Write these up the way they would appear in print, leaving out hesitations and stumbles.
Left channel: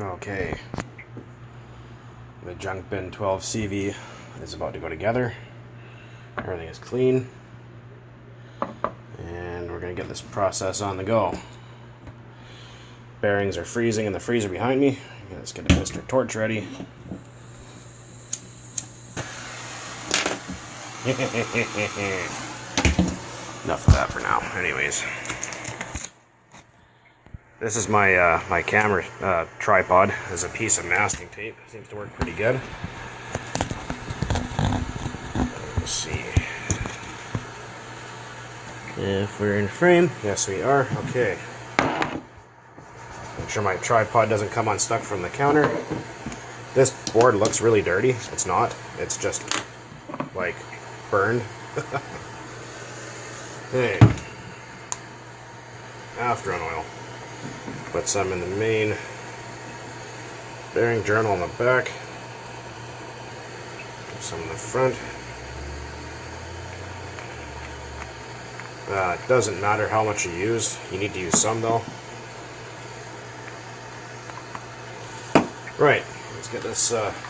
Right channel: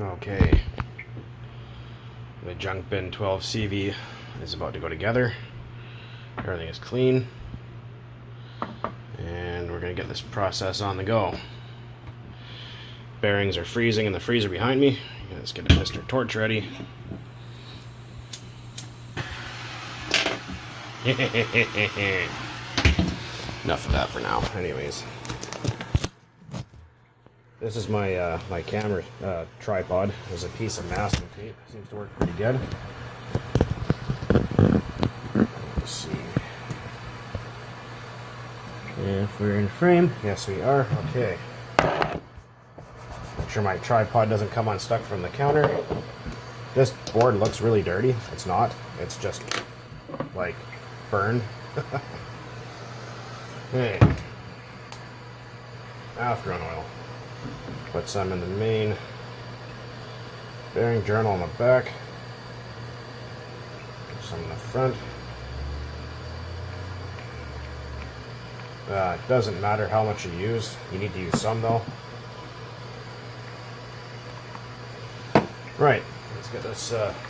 Okay, the junk bin 12 CV is about to go together. Everything is clean, and we're going to get this process on the go. Bearings are freezing in the freezer behind me. Let's get a Mr. Torch ready. Enough of that for now. Anyways, this is my my camera tripod. As a piece of masking tape. Seems to work pretty good. Let's see if we're in frame. Yes, we are. Okay. Make sure my tripod doesn't come unstuck from the counter. This board looks really dirty. It's not. It's just like burned. Okay. After oil. Put some in the main bearing journal on the back. Put some in the front. It doesn't matter how much you use. You need to use some though. Right. Let's get this. Let's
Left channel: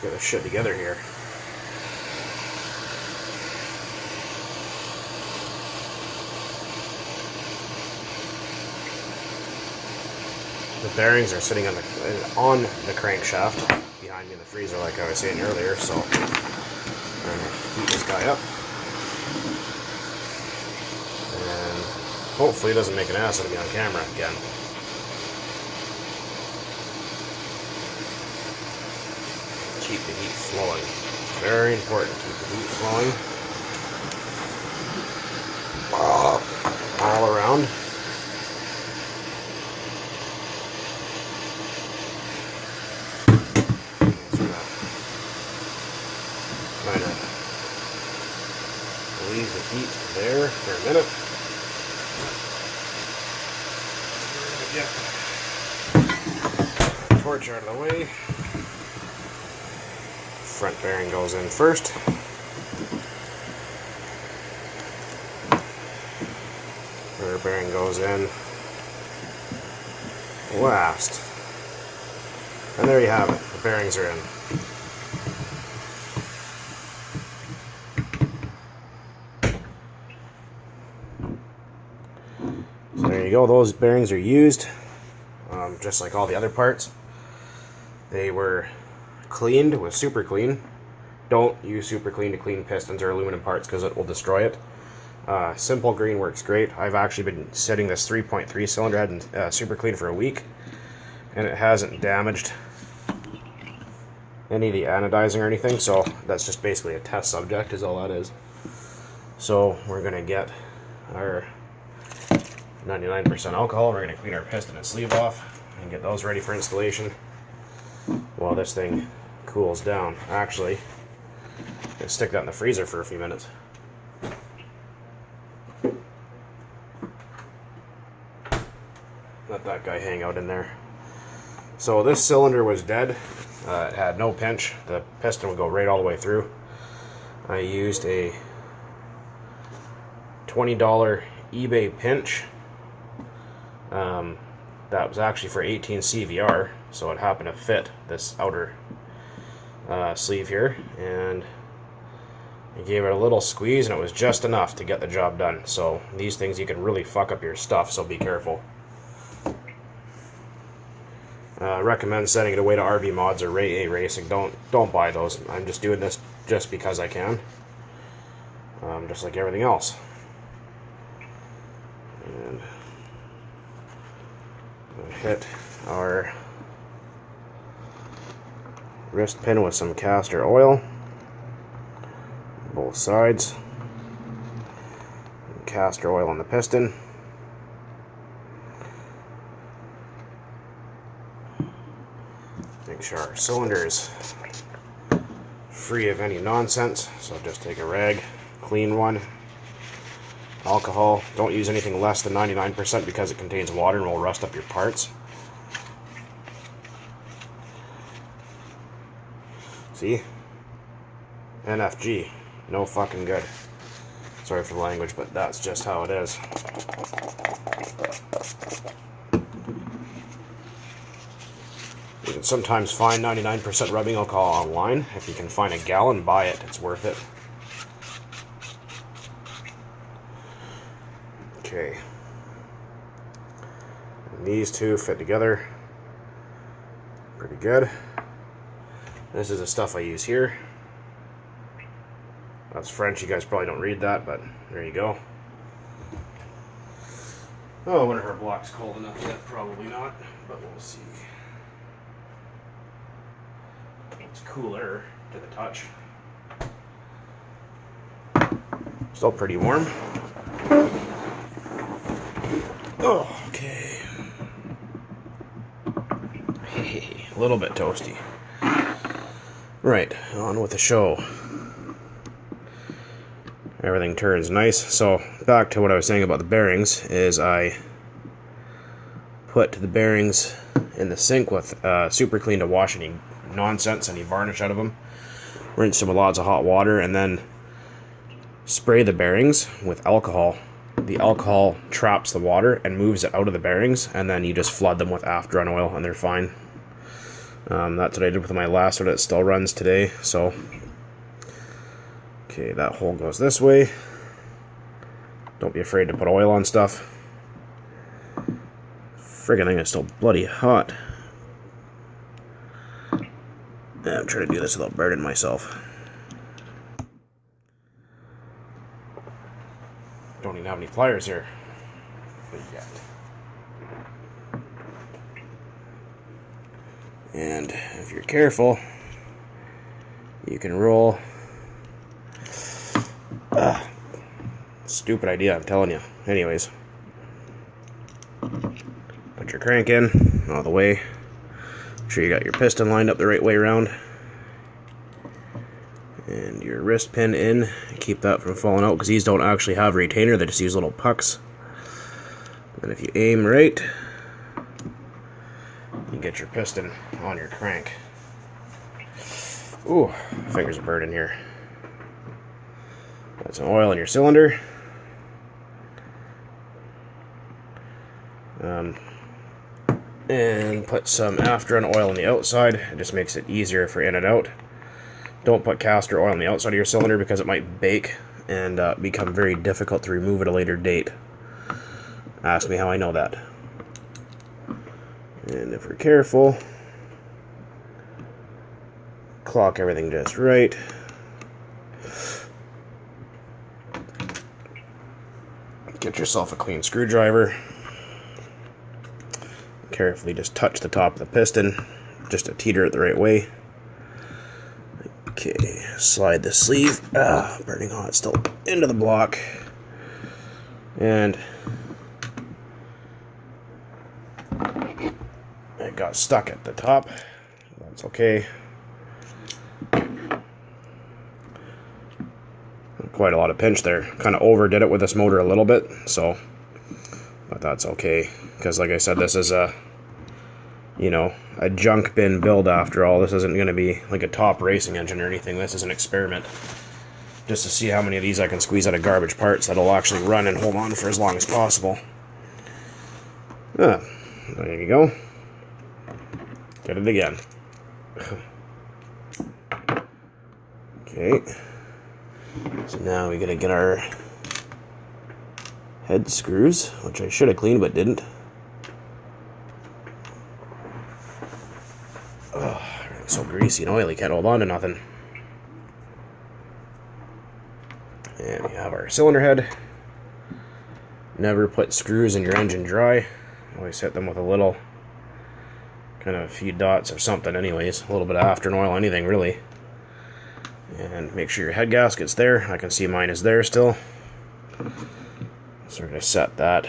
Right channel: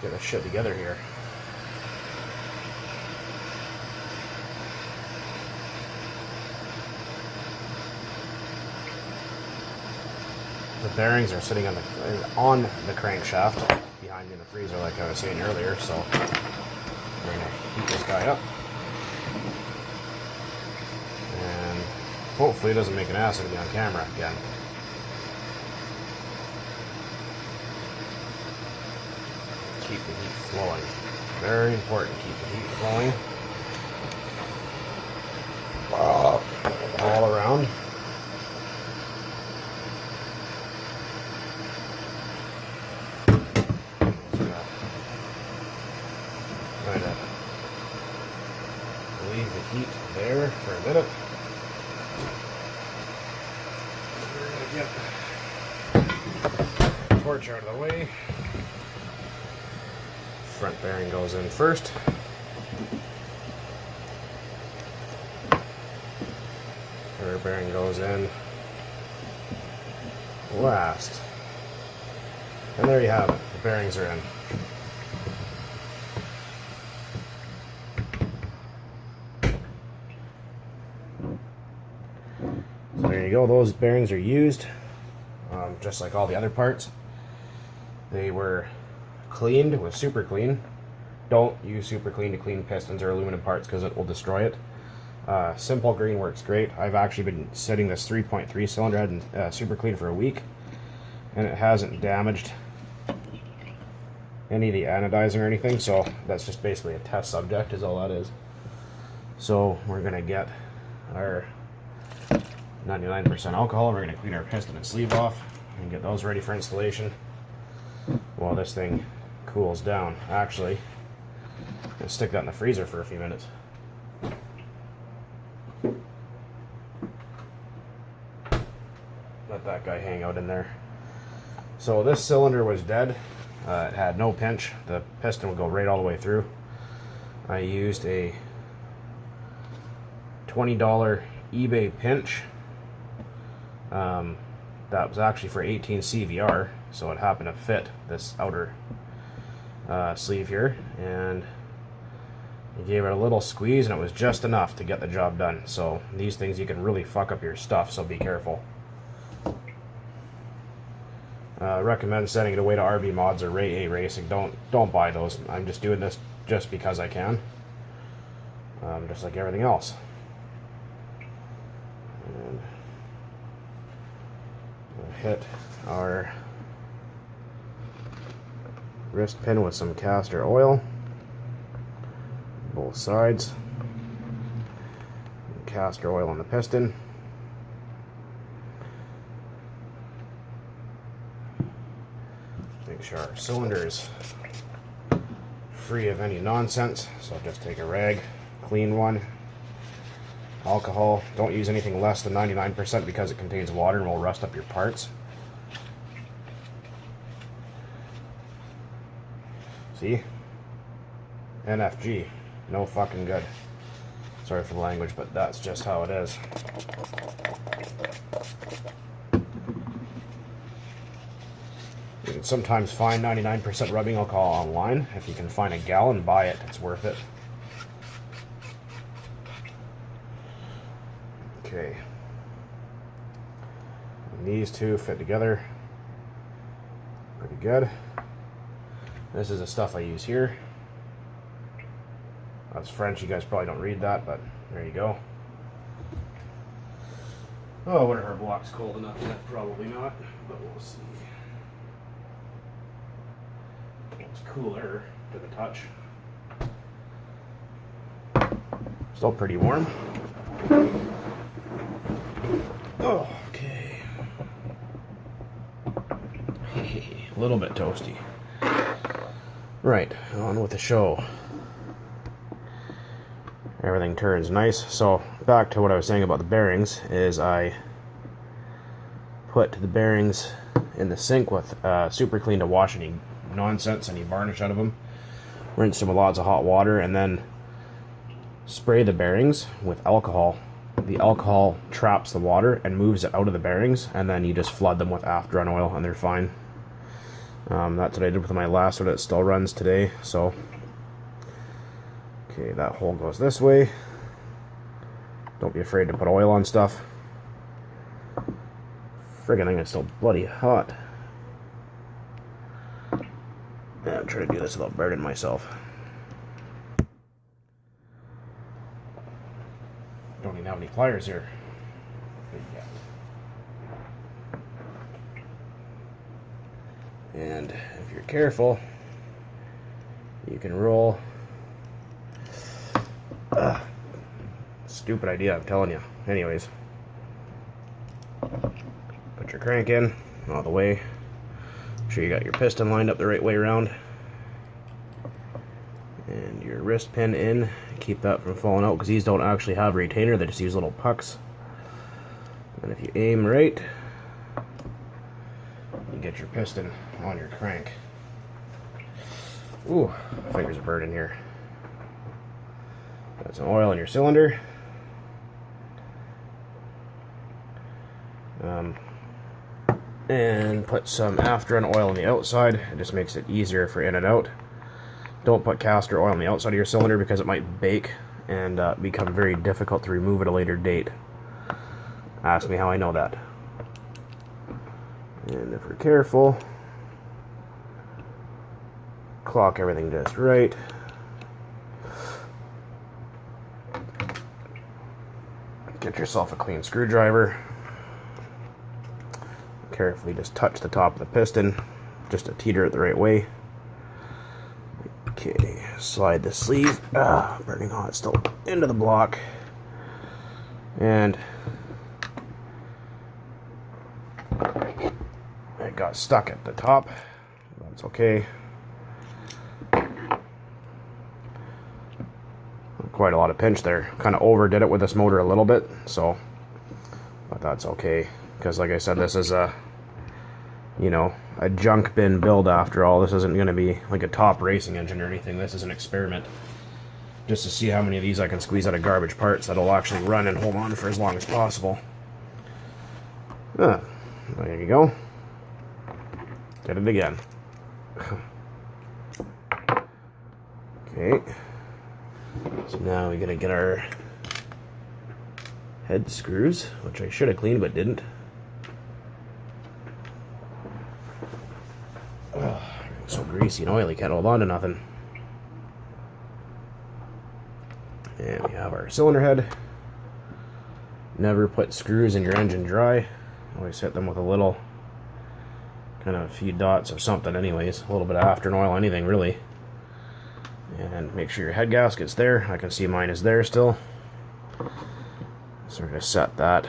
get this shit together here. The bearings are sitting on the crankshaft behind me in the freezer, like I was saying earlier. So we're gonna heat this guy up, and hopefully it doesn't make an ass out of me on camera again. Keep the heat flowing. Very important. Keep the heat flowing all around. Leave the heat there for a minute. We're going to get the torch out of the way. Front bearing goes in first. Rear bearing goes in last. And there you have it. The bearings are in. So there you go, those bearings are used, just like all the other parts. They were cleaned with Super Clean. Don't use Super Clean to clean pistons or aluminum parts because it will destroy it. Simple Green works great. I've actually been setting this 3.3 cylinder head in Super Clean for a week, and it hasn't damaged any of the anodizing or anything, so that's just basically a test subject is all that is. So we're going to get our 99% alcohol. We're going to clean our piston and sleeve off and get those ready for installation while this thing cools down. Actually, let's stick that in the freezer for a few minutes. Let that guy hang out in there. So this cylinder was dead. It had no pinch. The piston would go right all the way through. I used a $20 eBay pinch. That was actually for 18 CVR, so it happened to fit this outer sleeve here, and I gave it a little squeeze and it was just enough to get the job done. So these things, you can really fuck up your stuff, so be careful. I recommend sending it away to RV Mods or Ray A Racing. Don't buy those. I'm just doing this just because I can, just like everything else. And hit our wrist pin with some castor oil, both sides, and castor oil on the piston. Make sure our cylinder is free of any nonsense, so just take a rag, clean one. Alcohol, don't use anything less than 99% because it contains water and will rust up your parts. See? NFG. No fucking good. Sorry for the language, but that's just how it is. You can sometimes find 99% rubbing alcohol online. If you can find a gallon, buy it. It's worth it. Okay. And these two fit together pretty good. This is the stuff I use here. That's French. You guys probably don't read that, but there you go. Oh, I wonder if our block's cold enough yet. Probably not, but we'll see. It's cooler to the touch. Still pretty warm. Oh, okay. A little bit toasty. Right, on with the show. Everything turns nice. So back to what I was saying about the bearings is I put the bearings in the sink with Super Clean to wash any nonsense, any varnish out of them. Rinse them with lots of hot water and then spray the bearings with alcohol. The alcohol traps the water and moves it out of the bearings, and then you just flood them with After-Run oil and they're fine. That's what I did with my last one. It still runs today. So okay, that hole goes this way. Don't be afraid to put oil on stuff. Friggin' thing is still bloody hot. Yeah, I'm trying to do this without burning myself. Don't even have any pliers here. Yet. And if you're careful, you can roll. Stupid idea, I'm telling you. Anyways, put your crank in, all the way. Make sure you got your piston lined up the right way around. And your wrist pin in. Keep that from falling out because these don't actually have a retainer, they just use little pucks. And if you aim right, you get your piston on your crank. Ooh, fingers are burning here. Put some oil in your cylinder. And put some After-Run oil on the outside. It just makes it easier for in and out. Don't put castor oil on the outside of your cylinder because it might bake and become very difficult to remove at a later date. Ask me how I know that. And if we're careful, clock everything just right. Get yourself a clean screwdriver. Carefully just touch the top of the piston just to teeter it the right way. Okay, slide the sleeve. Burning hot still into the block. And it got stuck at the top. That's okay. Quite a lot of pinch there. Kind of overdid it with this motor a little bit, so but that's okay. Because like I said, this is a, you know, a junk bin build after all. This isn't going to be like a top racing engine or anything. This is an experiment. Just to see how many of these I can squeeze out of garbage parts that'll actually run and hold on for as long as possible. Yeah, there you go. Did it again. Okay. So now we gotta get our head screws, which I should have cleaned but didn't. Oh, it's so greasy and oily, can't hold on to nothing. And we have our cylinder head. Never put screws in your engine dry. Always hit them with a little, kind of a few dots of something anyways. A little bit of After-Run oil, anything really. And make sure your head gasket's there. I can see mine is there still. So we're going to set that.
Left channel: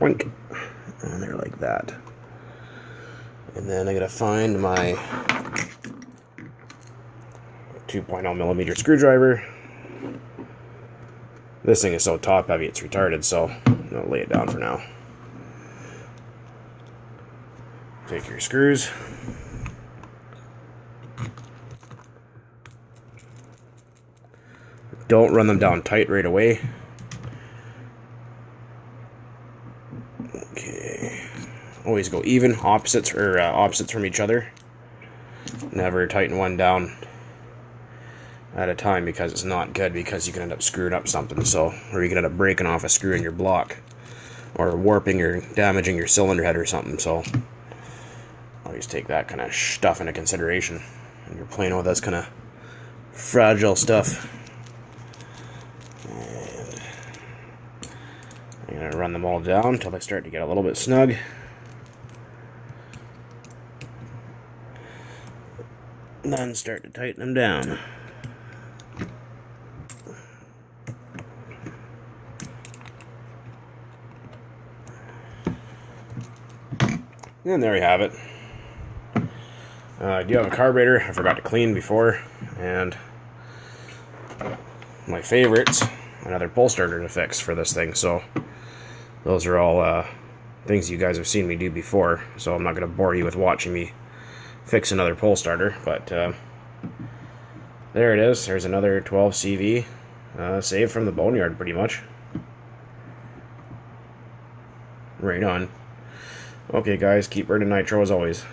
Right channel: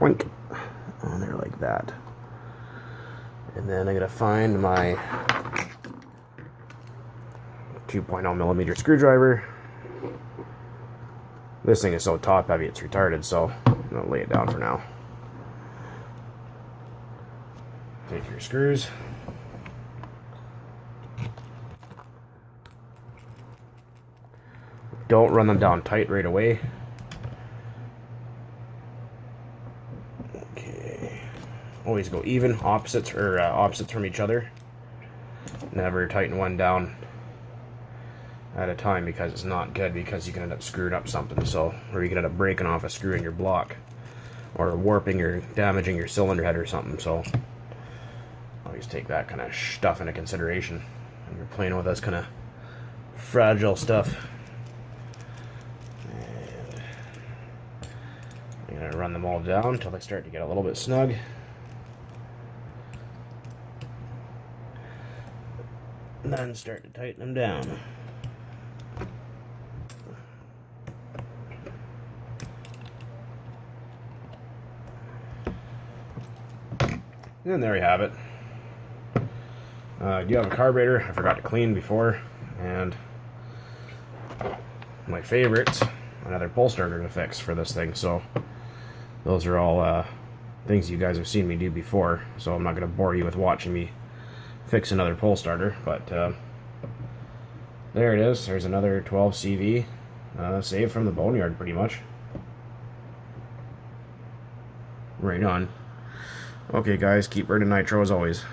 Boink. On there like that. And then I'm going to find my 2.0 millimeter screwdriver. This thing is so top heavy it's retarded, so I'll lay it down for now. Take your screws. Don't run them down tight right away. Okay, always go even, opposites from each other. Never tighten one down at a time, because it's not good, because you can end up screwing up something, so, or you can end up breaking off a screw in your block, or warping or damaging your cylinder head or something. So always take that kind of stuff into consideration when you're playing with this kind of fragile stuff. And I'm going to run them all down until they start to get a little bit snug. And then start to tighten them down. And there we have it. I do have a carburetor I forgot to clean before, and my favorites, another pull starter to fix for this thing. So those are all things you guys have seen me do before, so I'm not going to bore you with watching me fix another pull starter. But there it is. There's another 12 CV saved from the boneyard, pretty much. Right on. Okay guys, keep burning nitro as always.